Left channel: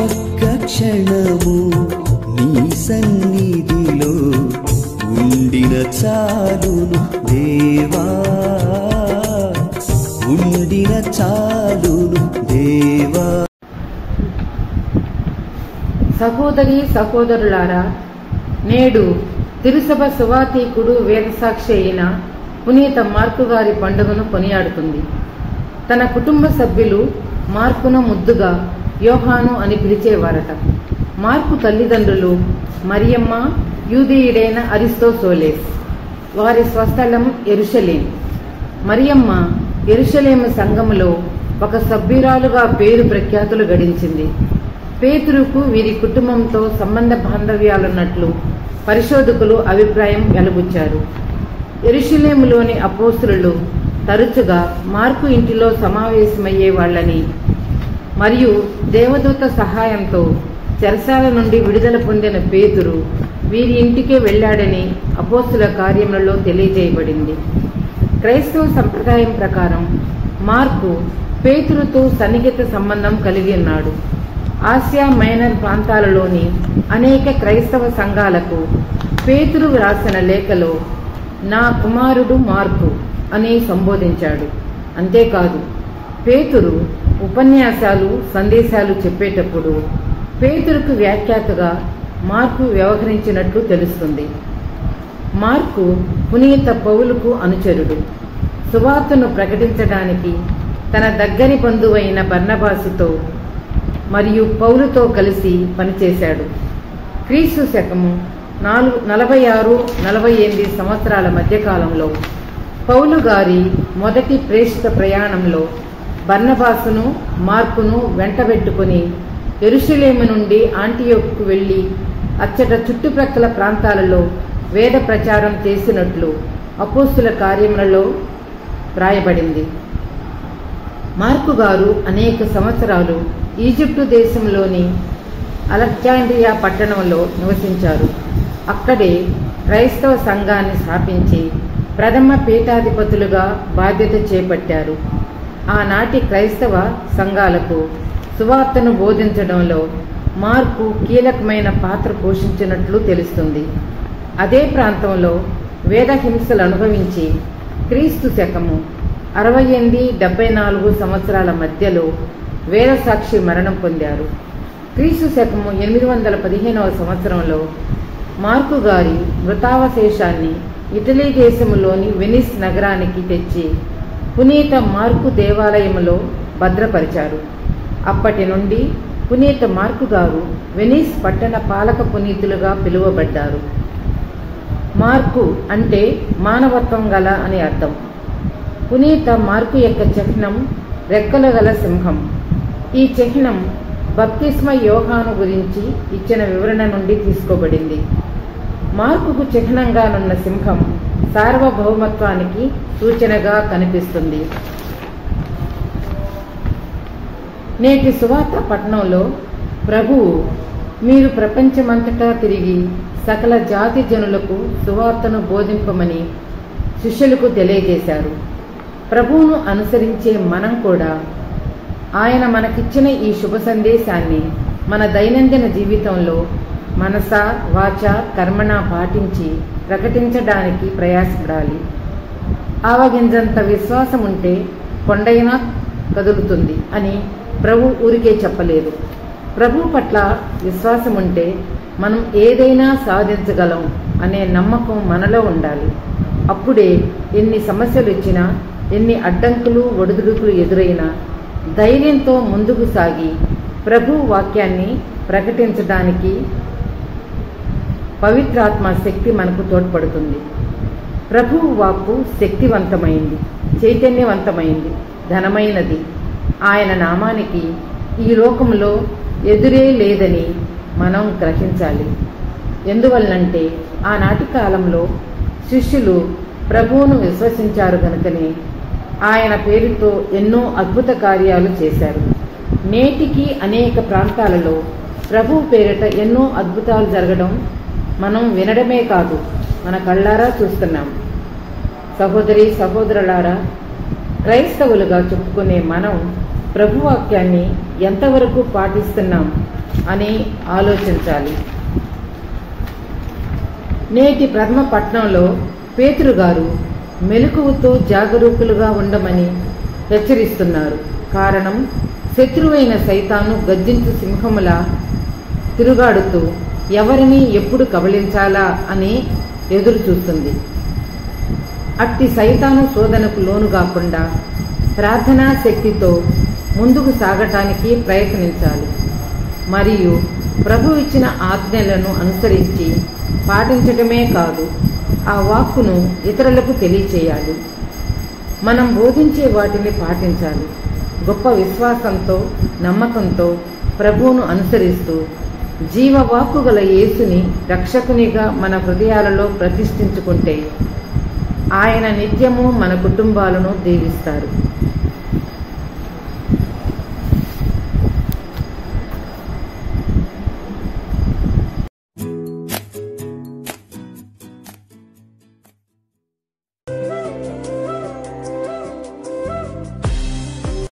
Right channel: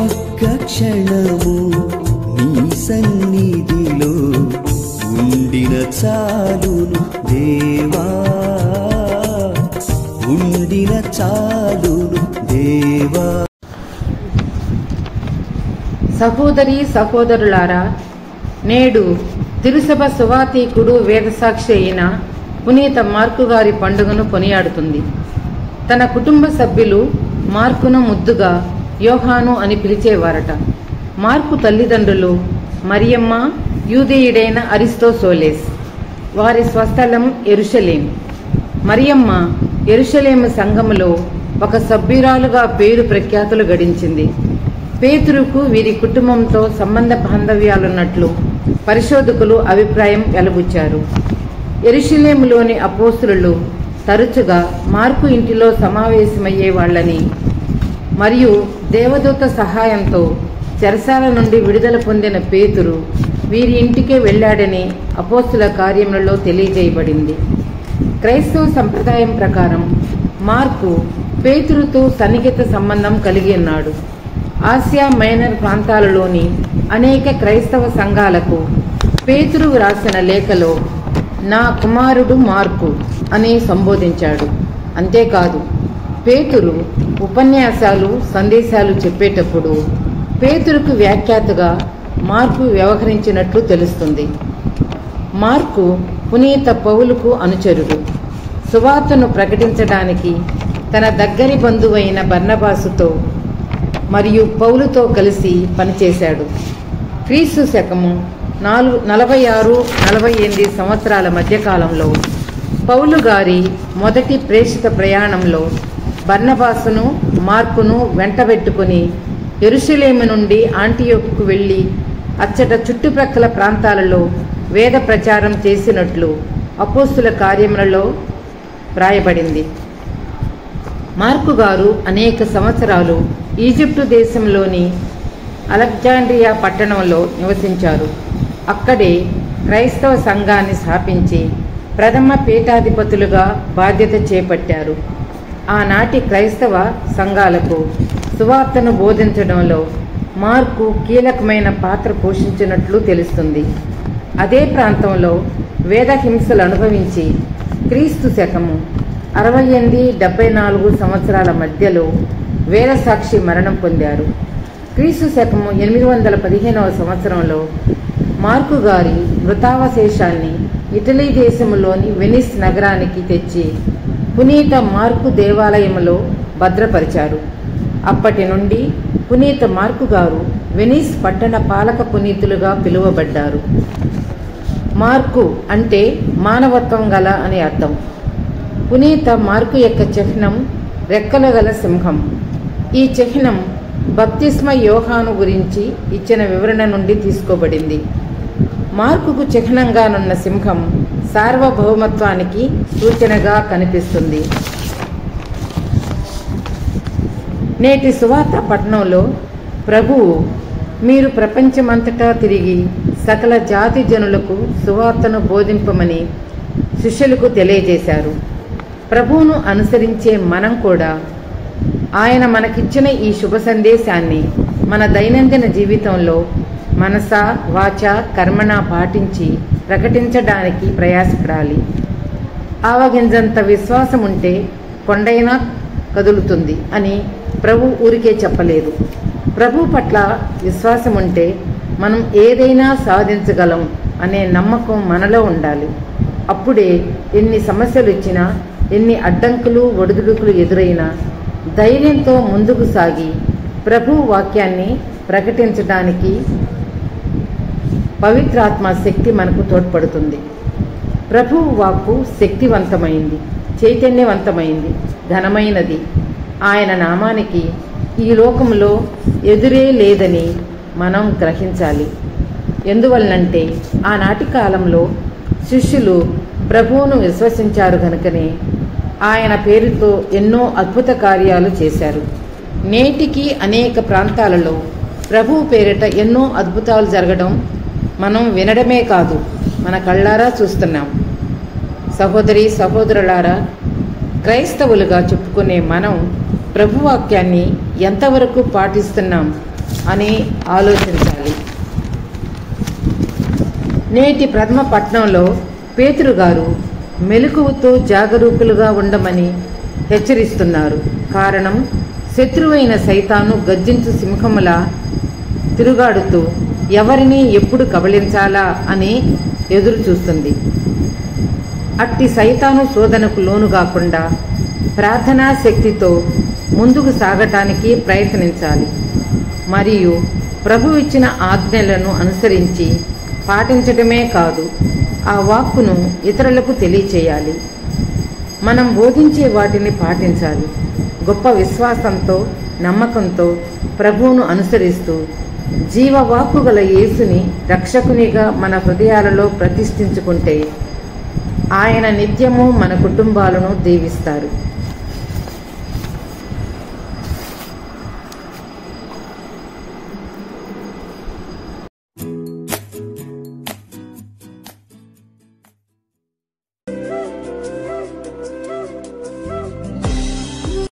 ఒక్క క్షణము నీ సన్నిధిలో ఉండిన చాలును దేవా, ఉండిన చాలును దేవా. సహోదరి సహోదరులారా, నేడు తిరుసభ సువాతీకుడు వేదసాక్షి అయిన పునీత మార్కు గారి పండుగను కొనియాడుతుంది. తన కుటుంబ సభ్యులు మార్కును ముద్దుగా యోహాను అని పిలిచేవారట. మార్కు తల్లిదండ్రులు మరియమ్మ, యూదేయుడైన అరిస్తోసోలేస్. వారి స్వస్థలం యెరూషలేం. మరియమ్మ యెరూషలేము సంఘములో ఒక సభ్యురాలుగా పేరు ప్రఖ్యాతులు గడించింది. పేతురుకు వీరి కుటుంబంతో సంబంధ బాంధవ్యాలున్నట్లు పరిశోధకులు అభిప్రాయం వెలుబుచ్చారు. యెరూషలేములోని అపోస్తలులు తరచుగా మార్కు ఇంటిలో సమావేశమయ్యేవాళ్లని మరియు దేవదూత సహాయంతో చెరసాల నుండి విడుదల పొందిన పేతురు వీరి ఇంటికే వెళ్లాడని అపోస్తల కార్యములలో తెలియజేయబడింది. క్రైస్తవ సంప్రదాయం ప్రకారం మార్కు పేతురుతో సన్నిహిత సంబంధం కలిగి ఉన్నాడు. ఆసియా మైనర్ ప్రాంతాలలోని అనేక క్రైస్తవ సంఘాలకు పేతురు రాసిన లేఖలో నా కుమారుడు మార్కు అని సంబోధించాడు. అంతేకాదు, పేతురు ఉపన్యాసాలు, సందేశాలు చెప్పేటప్పుడు పేతురుకు వ్యాఖ్యాతగా మార్కు వ్యవహరించినట్లు తెలుస్తుంది. మార్కు పునీత పౌలుకు అనుచరుడు. సువార్తను ప్రకటించడానికి తన దగ్గరి బంధువైన బర్నబాసుతో మరియు పౌలుతో కలిసి పనిచేశాడు. క్రీస్తు శకము 46-48 సంవత్సరాల మధ్యకాలంలో పౌలు గారి మొదటి ప్రేషిత ప్రయాణంలో బర్నబాసును, మార్కును వెంటబెట్టుకుని యెరూషలేము నుండి ఆంటియోకుకు వెళ్లి అచ్చట చుట్టుప్రక్కల ప్రాంతాలలో వేద ప్రచారం చేసినట్లు అపోస్తుల కార్యములలో వ్రాయబడింది. మార్కు గారు అనేక సంవత్సరాలు ఈజిప్టు దేశంలోని అలెగ్జాండ్రియా పట్టణంలో నివసించారు. అక్కడే క్రైస్తవ సంఘాన్ని స్థాపించి ప్రథమ పీఠాధిపతులుగా బాధ్యత చేపట్టారు. ఆనాటి క్రైస్తవ సంఘాలకు సువార్తను బోధించడంలో మార్కు కీలకమైన పాత్ర పోషించినట్లు తెలుస్తుంది. అదే ప్రాంతంలో వేద హింసలు అనుభవించి క్రీస్తు శకము 68-74 సంవత్సరాల మధ్యలో వేదసాక్షి మరణం పొందారు. క్రీస్తు శకము 815వ సంవత్సరంలో మార్కు గారి మృతావశేషాన్ని ఇటలీ దేశంలోని వెనిస్ నగరానికి తెచ్చి పునీత మార్కు దేవాలయంలో భద్రపరిచారు. అప్పటి నుండి పునీత మార్కు గారు వెనిస్ పట్టణ పాలక పునీతులుగా పిలువబడ్డారు. మార్కు అంటే మానవత్వం గల అని అర్థం. పునీత మార్కు యొక్క చిహ్నం రెక్కలు గల సింహం. ఈ చిహ్నం బప్తిస్మ యోహాను గురించి ఇచ్చిన వివరణ నుండి తీసుకోబడింది. మార్కుకు చిహ్నంగానున్న సింహం సార్వభౌమత్వానికి సూచనగా కనిపిస్తుంది. నేటి సువార్త పట్టణంలో ప్రభువు మీరు ప్రపంచమంతటా తిరిగి సకల జాతి జనులకు సువార్తను బోధింపమని శిష్యులకు తెలియజేశారు. ప్రభువును అనుసరించే మనం కూడా ఆయన మనకిచ్చిన ఈ శుభ సందేశాన్ని మన దైనందిన జీవితంలో మనస, వాచ, కర్మణ పాటించి ప్రకటించడానికి ప్రయాసపడాలి. ఆవగింజంత విశ్వాసం ఉంటే కొండైనా కదులుతుంది అని ప్రభు ఊరికే చెప్పలేదు. ప్రభు పట్ల విశ్వాసం ఉంటే మనం ఏదైనా సాధించగలం అనే నమ్మకం మనలో ఉండాలి. అప్పుడే ఎన్ని సమస్యలు వచ్చినా, ఎన్ని అడ్డంకులు, ఒడిదుడుకులు ఎదురైనా ధైర్యంతో ముందుకు సాగి ప్రభు వాక్యాన్ని ప్రకటించడానికి పవిత్రాత్మ శక్తి మనకు తోడ్పడుతుంది. ప్రభువు వాక్కు శక్తివంతమైంది, చైతన్యవంతమైంది, ఘనమైనది. ఆయన నామానికి ఈ లోకంలో ఎదురే లేదని మనం గ్రహించాలి. ఎందువల్లంటే ఆనాటి కాలంలో శిష్యులు ప్రభువును విశ్వసించారు కనుకనే ఆయన పేరుతో ఎన్నో అద్భుత కార్యాలు చేశారు. నేటికి అనేక ప్రాంతాలలో ప్రభువు పేరిట ఎన్నో అద్భుతాలు జరగడం మనం వినడమే కాదు, మన కళ్ళారా చూస్తున్నాం. సహోదరి సహోదరులారా, క్రైస్తవులుగా చెప్పుకునే మనం ప్రభువాక్యాన్ని ఎంతవరకు పాటిస్తున్నాం అని ఆలోచించాలి. నేటి ప్రథమ పట్నంలో పేతురు గారు మెలకువతో జాగరూకులుగా ఉండమని హెచ్చరిస్తున్నారు. కారణం, శత్రువైన సైతాను గర్జించు సింహములా తిరుగాడుతూ ఎవరిని ఎప్పుడు కబళించాలా అని ఎదురు చూస్తుంది. అట్టి సైతాను శోధనకు లోను కాకుండా ప్రార్థనా శక్తితో ముందుకు సాగటానికి ప్రయత్నించాలి. మరియు ప్రభు ఇచ్చిన ఆజ్ఞలను అనుసరించి పాటించటమే కాదు, ఆ వాక్కును ఇతరులకు తెలియచేయాలి. మనం బోధించే వాటిని పాటించాలి. గొప్ప విశ్వాసంతో, నమ్మకంతో ప్రభువును అనుసరిస్తూ జీవవాక్కు గల యేసుని రక్షకునిగా మన హృదయాలలో ప్రతిష్ఠించుకుంటే ఆయన నిత్యము మన కుటుంబాలను దీవిస్తారు.